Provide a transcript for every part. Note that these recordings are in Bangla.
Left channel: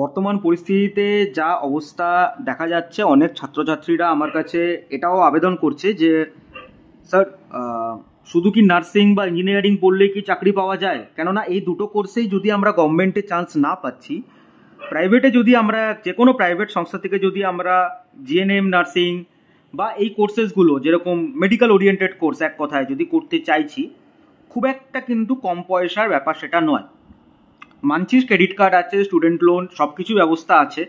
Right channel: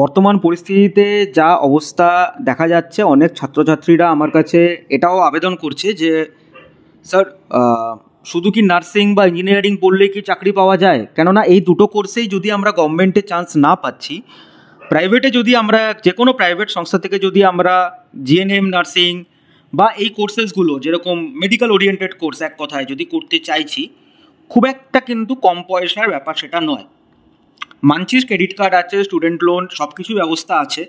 বর্তমান পরিস্থিতিতে যা অবস্থা দেখা যাচ্ছে, অনেক ছাত্রছাত্রীরা আমার কাছে এটাও আবেদন করছে যে স্যার, শুধু কি নার্সিং বা ইঞ্জিনিয়ারিং পড়লেই কি চাকরি পাওয়া যায়? কেননা এই দুটো কোর্সেই যদি আমরা গভর্নমেন্টে চান্স না পাচ্ছি, প্রাইভেটে যদি আমরা যে কোনো প্রাইভেট সংস্থা থেকে যদি আমরা জিএনএম নার্সিং বা এই কোর্সেসগুলো যেরকম মেডিকেল ওরিয়েন্টেড কোর্স এক কথায় যদি করতে চাইছি, খুব একটা কিন্তু কম পয়সার ব্যাপার সেটা নয়। মানছিস ক্রেডিট কার্ড আছে, স্টুডেন্ট লোন, সব কিছু ব্যবস্থা আছে,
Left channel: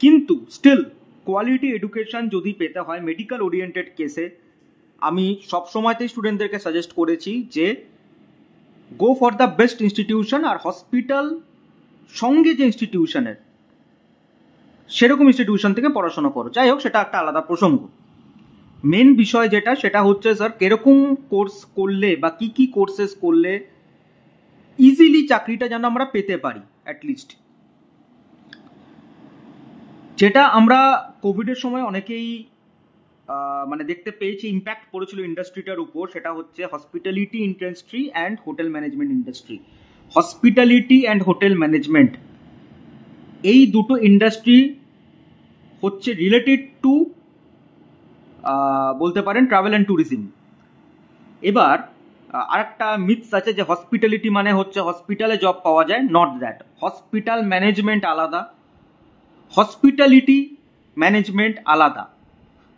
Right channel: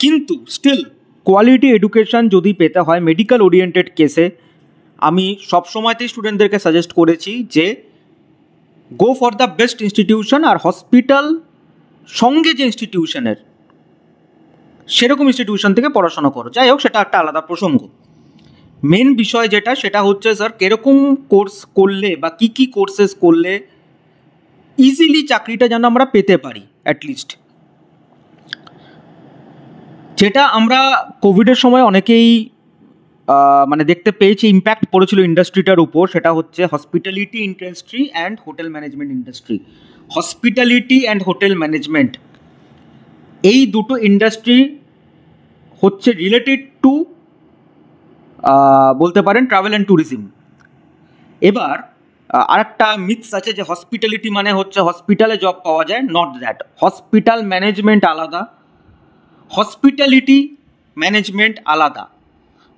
কিন্তু স্টিল কোয়ালিটি এডুকেশন যদি পেতে হয় মেডিকেল ওরিয়েন্টেড কেসে, আমি সবসময়তেই স্টুডেন্টদেরকে সাজেস্ট করেছি যে go for the best institution, আর হসপিটাল সঙ্গে যে ইনস্টিটিউশনের সেরকম ইনস্টিটিউশন থেকে পড়াশোনা করো। যাই হোক, সেটা একটা আলাদা প্রসঙ্গ। মেন বিষয় যেটা, সেটা হচ্ছে স্যার কিরকম কোর্স করলে বা কী কী কোর্সেস করলে ইজিলি চাকরিটা যেন আমরা পেতে পারি অ্যাটলিস্ট। যেটা আমরা কোভিডের সময় অনেকেই মানে দেখতে পেয়েছি ইম্প্যাক্ট পড়েছিল ইন্ডাস্ট্রিটার উপর, সেটা হচ্ছে hospitality industry and hotel management industry. Hospitality and hotel management, এই দুটো ইন্ডাস্ট্রি হচ্ছে রিলেটেড টু বলতে পারেন ট্রাভেল অ্যান্ড ট্যুরিজম। এবার আরেকটা মিথস আছে যে হসপিটালিটি মানে হচ্ছে হসপিটালে জব পাওয়া যায়, নট দ্যাট। হসপিটাল ম্যানেজমেন্ট আলাদা, হসপিটালিটি ম্যানেজমেন্ট আলাদা।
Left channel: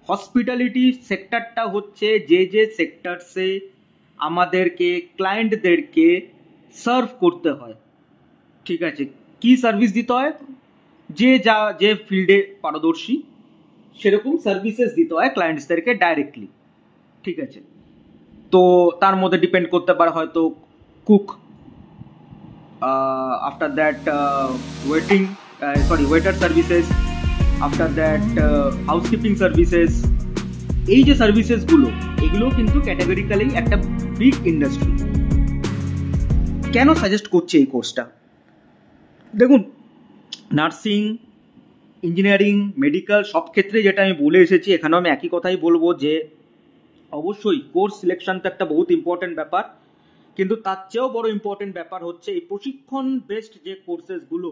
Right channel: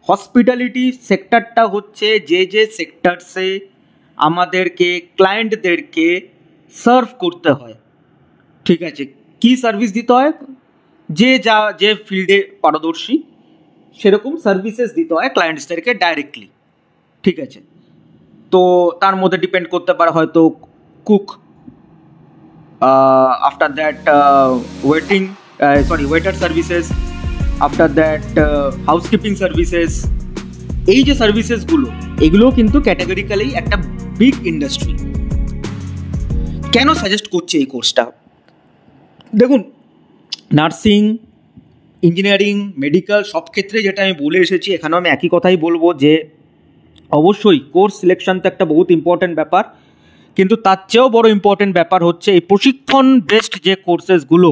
হসপিটালিটি সেক্টরটা হচ্ছে যে যে সেক্টরসে আমাদেরকে ক্লায়েন্টদেরকে সার্ভ করতে হয়, ঠিক আছে, কি সার্ভিস দিতে হয়, যে ফিল্ডে পারদর্শী সেরকম সার্ভিসেস দিতে হয় ক্লায়েন্টসদেরকে ডাইরেক্টলি, ঠিক আছে। তো তার মধ্যে ডিপেন্ড করতে পারে হয়তো cook, after that waiter services, after that housekeeping services. এই যে সার্ভিসেসগুলো, এগুলো কিন্তু ক্যাটাগরিক্যালি একটা বিগ ইন্ডাস্ট্রি। কেন সাজেস্ট করছে এই কোর্সটা? দেখুন, নার্সিং, ইঞ্জিনিয়ারিং, মেডিকেল সব ক্ষেত্রে যেটা আমি বলে এসেছি, এখানেও আমি একই কথাই বলবো যে অবশ্যই কোর্স সিলেকশন তো একটা বহুত ইম্পর্ট্যান্ট ব্যাপার, কিন্তু তার চেয়েও বড় ইম্পর্ট্যান্ট ব্যাপার হচ্ছে এই প্রশিক্ষণ বেসড যে কোর্সেসগুলো,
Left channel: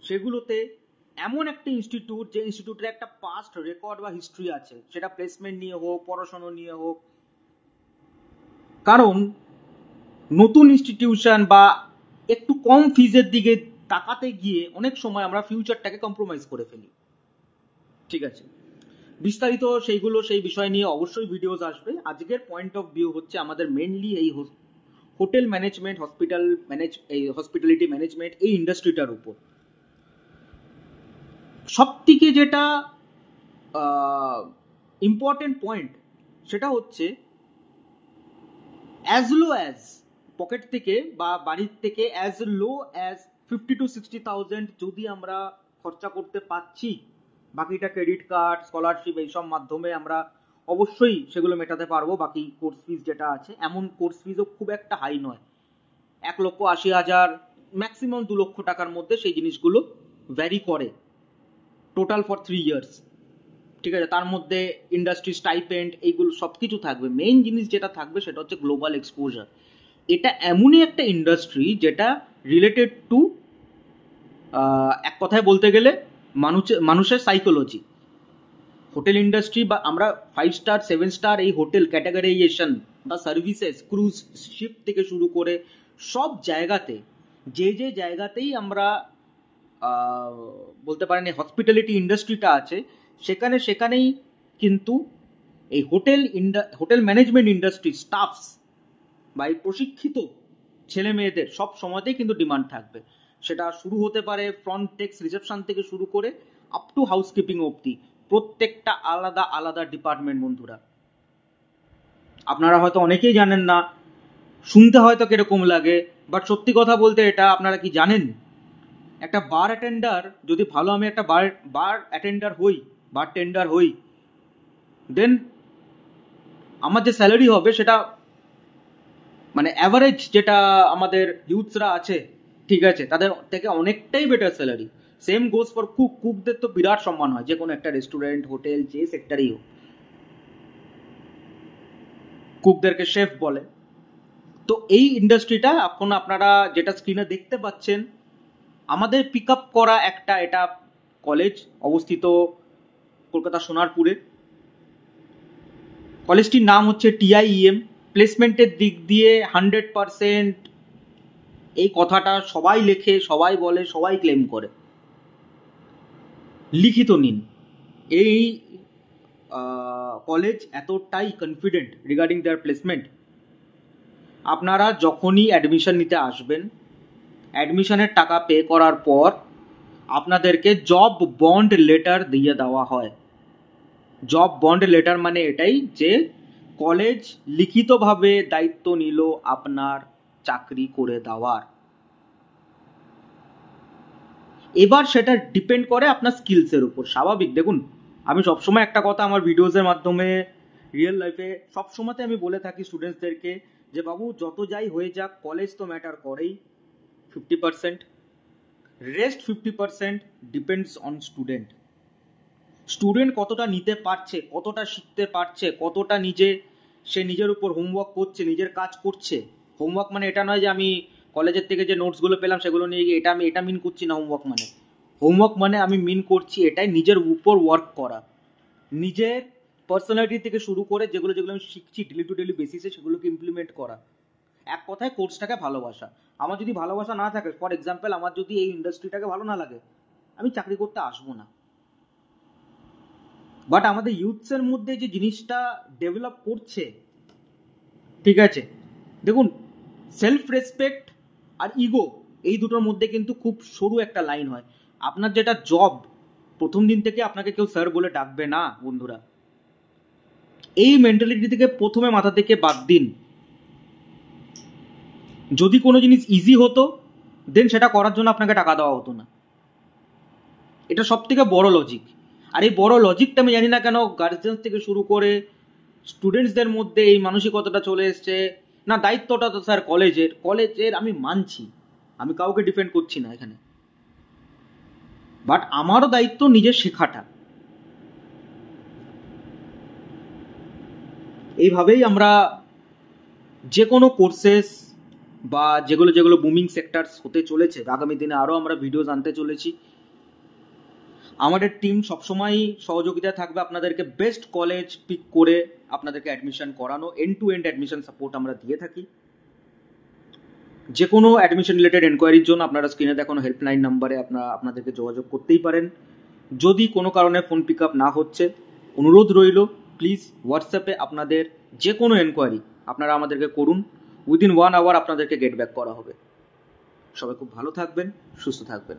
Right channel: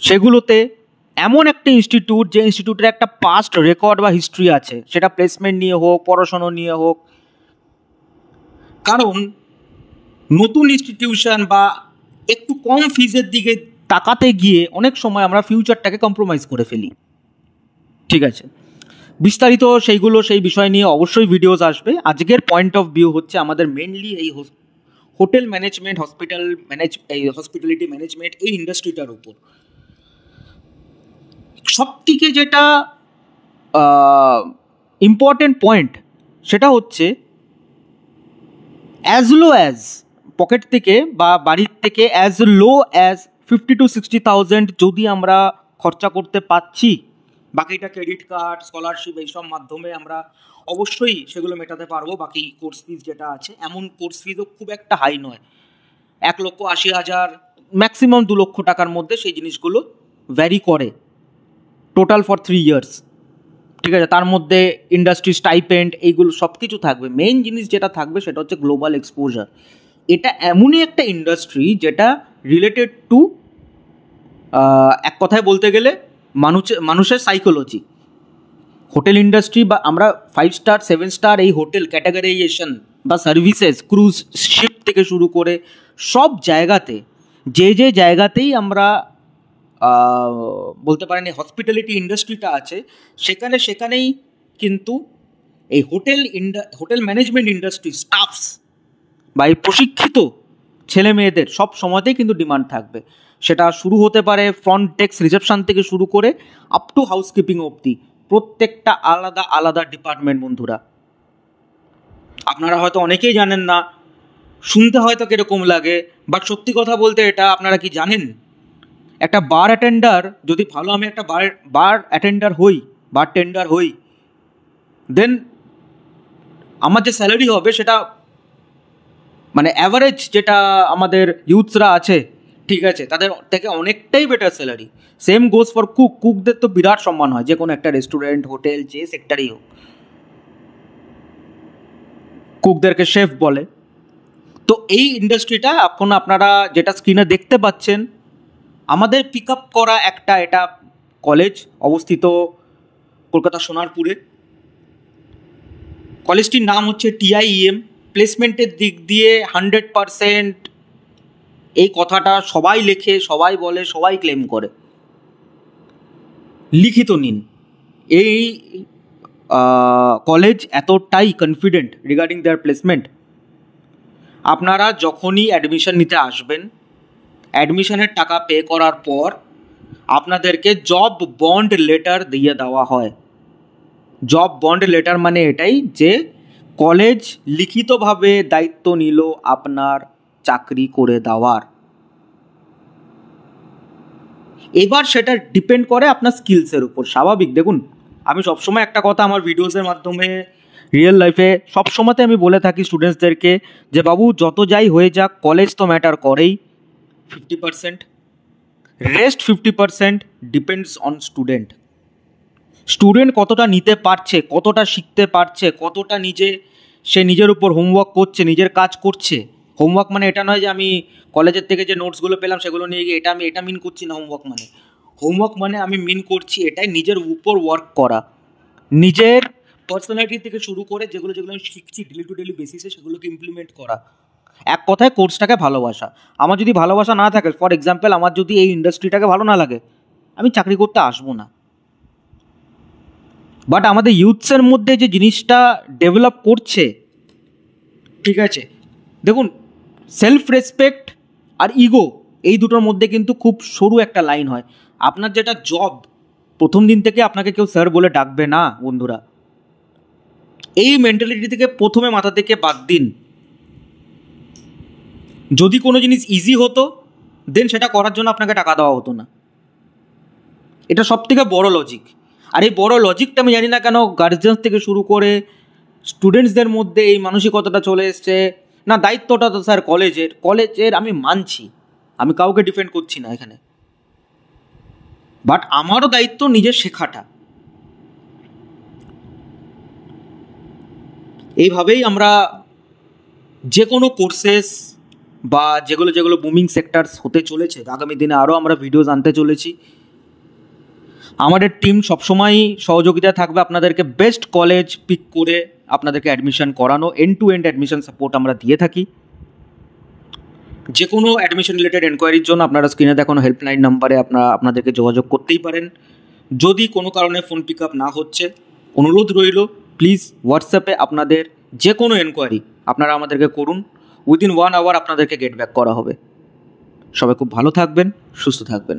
সেগুলোতে এমন একটা ইনস্টিটিউট, যে ইনস্টিটিউটের একটা পাস্ট রেকর্ড বা হিস্ট্রি আছে, সেটা প্লেসমেন্ট নিয়ে হোক, পড়াশোনা নিয়ে হোক। কারণ নতুন ইনস্টিটিউশন বা একটু কম ফিজের দিকে তাকাতে গিয়ে অনেক সময় আমরা ফিউচারটাকে কম্প্রোমাইজ করে ফেলি, ঠিক আছে। বিস্তারিত সেই বিষয় নিয়ে অবশ্যই ভিডিওস আসবে। আজকের পয়েন্ট অফ ভিউ হচ্ছে আমাদের মেনলি এই হোটেল ম্যানেজমেন্ট, হসপিটালিটি ম্যানেজমেন্ট এই ইন্ডাস্ট্রিটার উপর। সবথেকে যেটা ইম্পর্টেন্ট পয়েন্ট, সেটা হচ্ছে অ্যাজ লো অ্যাজ পকেট থেকে বা বাড়ির থেকে অ্যাজ লো অ্যাজ 50,000 to 60,000 যদি আমরা খরচা করতে পারছি, বাকিটা ক্রেডিট কার্ড, স্কলারশিপ এইসব মাধ্যমে আমরা অবশ্যই সেগুলো মেটাতে পারবো। বাকি কোর্স ফিজ যেটা আছে, এমন কোর্স ফিজও খুব একটা হাই নয়, 1,80,000 ম্যাক্সিমাম 2 লক্ষ টাকার মধ্যে সেই জিনিসগুলো ভ্যারি করে, টোটাল ফর 3 ইয়ার্স, ঠিক আছে। তার মধ্যে ইন্ডাস্ট্রি স্টাইপেন্ড এইগুলো সব কিছু থাকবে। মেইন জিনিস যেটা থাকবে সেটা হচ্ছে গ্লোবাল এক্সপোজার। এটা এমনই একটা ইন্ডাস্ট্রি যেটা রিলেটেড টু এক কথায় বলতে গেলে মানুষের সাইকোলজি। হোটেল ইন্ডাস্ট্রি বা আমরা 5 স্টার 7 স্টার এই হোটেল ক্যাটাগরাইজেশন বা সার্ভিসেস, ক্রুজ শিপ থেকে শুরু করে সব জায়গাতে, যে জায়গাতেই আমরা বলতে পারেন এই হসপিটালিটি ইন্ডাস্ট্রিটা আছে, সেখানেই কিন্তু এই হোটেল ম্যানেজমেন্ট ইন্ডাস্ট্রি স্টাফস বা এই প্রশিক্ষিত ছেলে মেয়েদের সব সময়তেই কিন্তু ডিমান্ড থাকবে। সেটা শুরু হতে পারে ফ্রন্ট ডেস্ক রিসেপশন থেকে শুরু করে আপ টু হাউসকিপিং অবধি, প্রত্যেকটা আলাদা আলাদা ডিপার্টমেন্ট। বন্ধুরা, আপনারা হয়তো অনেকেই জানেন না, শুনতে হয়তো কীরকম লাগে, বাট সত্যি কথা বলতে এটা আপনারা কি জানেন, একটা বার অ্যাটেন্ডার যদি ভালো, আমি একটা বার টেন্ডার হই, দেন আমার যে স্যালারি হবে সেটা মানে অ্যাভারেজ যেটা আমাদের ইউথসরা আছে, ঠিক আছে, তাদের থেকে অনেকটাই better salary. Same goes for কুকদের তো বিরাট সম্মান হয়, যে কোনো একটা রেস্টুরেন্ট, হোটেল, যে সেক্টরেই হোক, কুকদেরকে শেফ বলে। তো এই ইন্ডাস্ট্রিটা এখন আপনারা যেটা স্ক্রিনে দেখতে পাচ্ছেন, আমাদের পিক আপ করা একটা এটা কলেজ অবস্থিত কলকাতা সোনারপুরে। কলেজটির নাম হচ্ছে TIEM। প্লেসমেন্টের দিক দিয়ে 100% এই কথাটা সবাই লেখে, সবাই বলে, সবাই ক্লেম করে। লিখিত নিন, এই কলেজ এতটাই কনফিডেন্ট রিগার্ডিং দেয়ার প্লেসমেন্ট। আপনারা যখনই অ্যাডমিশন নিতে আসবেন, অ্যাডমিশনের টাকা পে করার পর আপনাদেরকে জব বন্ড লেটার দিয়ে দেওয়া হয়। জব বন্ড লেটার মানে এটাই যে কলেজ লিখিতভাবে দায়িত্ব নিল আপনার চাকরি করে দেওয়ার। এবার সেটা ডিপেন্ড করে আপনার স্কিলসের উপর। স্বাভাবিক, দেখুন আমি সবসময় একটা কথা আমার ভিডিওসের মাধ্যমে রিয়েল লাইফে সবসময়তে আমি বলে থাকি স্টুডেন্টসদেরকে যে বাবু যত যাই হয়ে যাক কলেজ তো ম্যাটার করেই 50%, rest 50% depends on student. Student কতটা নিতে পারছে, কতটা শিখতে পারছে, কতটা সে নিজের উপর হোমওয়ার্ক করছে, নিজের কাজ করছে। হোমওয়ার্ক মানে এটা নয় যে আমি কলেজের থেকে যে নোটসগুলো পেলাম সেগুলো নিয়ে গিয়ে এটা মিন করছি না। হোমওয়ার্ক মানে আমি মিন করছি এটাই নিজের উপর ওয়ার্ক করা, নিজের পার্সোনালিটি থেকে শুরু করে যেগুলো আমি শিখছি ডেলি টু ডেলি বেসিসে সেগুলোকে ইমপ্লিমেন্ট করা। এক কথায় কোর্সটাকে ভালোবাসা। আমার যদি ভালোবাসা না থাকে, ফর এক্সাম্পল আমার যদি এই ইন্ডাস্ট্রিটাকে ভালো না লাগে, আমি চাকরি করতে আসবো না। বাট আমাদের ইউথসের মধ্যে যে জিনিসটা ডেভেলপ করছে, ঠিক আছে, দেখুন সেলফ রেসপেক্ট আর ইগো এই দুটোর মধ্যে কিন্তু খুব সরু একটা লাইন হয়। আপনার যেটা জব, প্রথম দিন থেকে আপনাকে কেউ স্যার বলে ডাকবে না বন্ধুরা। এই মেন্টালিটি থেকে প্রথমে মাথা থেকে বাদ দিন। যদি কোনো জিনিস ইজি হতো দেন সেটা করার জন্য আপনাকে টাকা দেওয়া হতো না। এটা সব থেকে বড় লজিক। আর এই বড় লজিকটা আমি জানি না কেন গার্জিয়ান্স থেকে শুরু করে স্টুডেন্টসদের মধ্যে এই মানসিকতাটা চলে এসছে। না, দায়িত্বটা তো স্যার কলেজের আমি মানছি, আমি কাউকে ডিফেন্ড করছি না এখানে, বাট আমারও দায়িত্ব নিজের শেখাটা। এইভাবেই আমরা যে কোনো কোর্সেস বা যেগুলো বুমিং সেক্টরস হতে চলেছে আগামী দিনে আরও আমরা ভিডিওস আনতে চলেছি। আমাদের টিম সবসময়ই সহযোগিতা থাকবে আপনাদেরকে বেস্ট কলেজ পিক করে আপনাদেরকে অ্যাডমিশন করানো। End to end admission support আমরা দিয়ে থাকি। যে কোনো অ্যাডমিশন রিলেটেড এনকোয়ারির জন্য আপনারা স্ক্রিনে দেখানো হেল্পলাইন নাম্বারে আপনাদেরকে যোগাযোগ করতেই পারেন। যদি কোনো কারণে ফোন পিক আপ না হচ্ছে, অনুরোধ রইল প্লিজ হোয়াটসঅ্যাপে আপনাদের যে কোনো এনকোয়ারি আপনারা আমাদেরকে করুন। উইদিন 1 আওয়ার আপনাদেরকে গেট ব্যাক করা হবে। সবাই খুব ভালো থাকবেন, সুস্থ থাকবেন।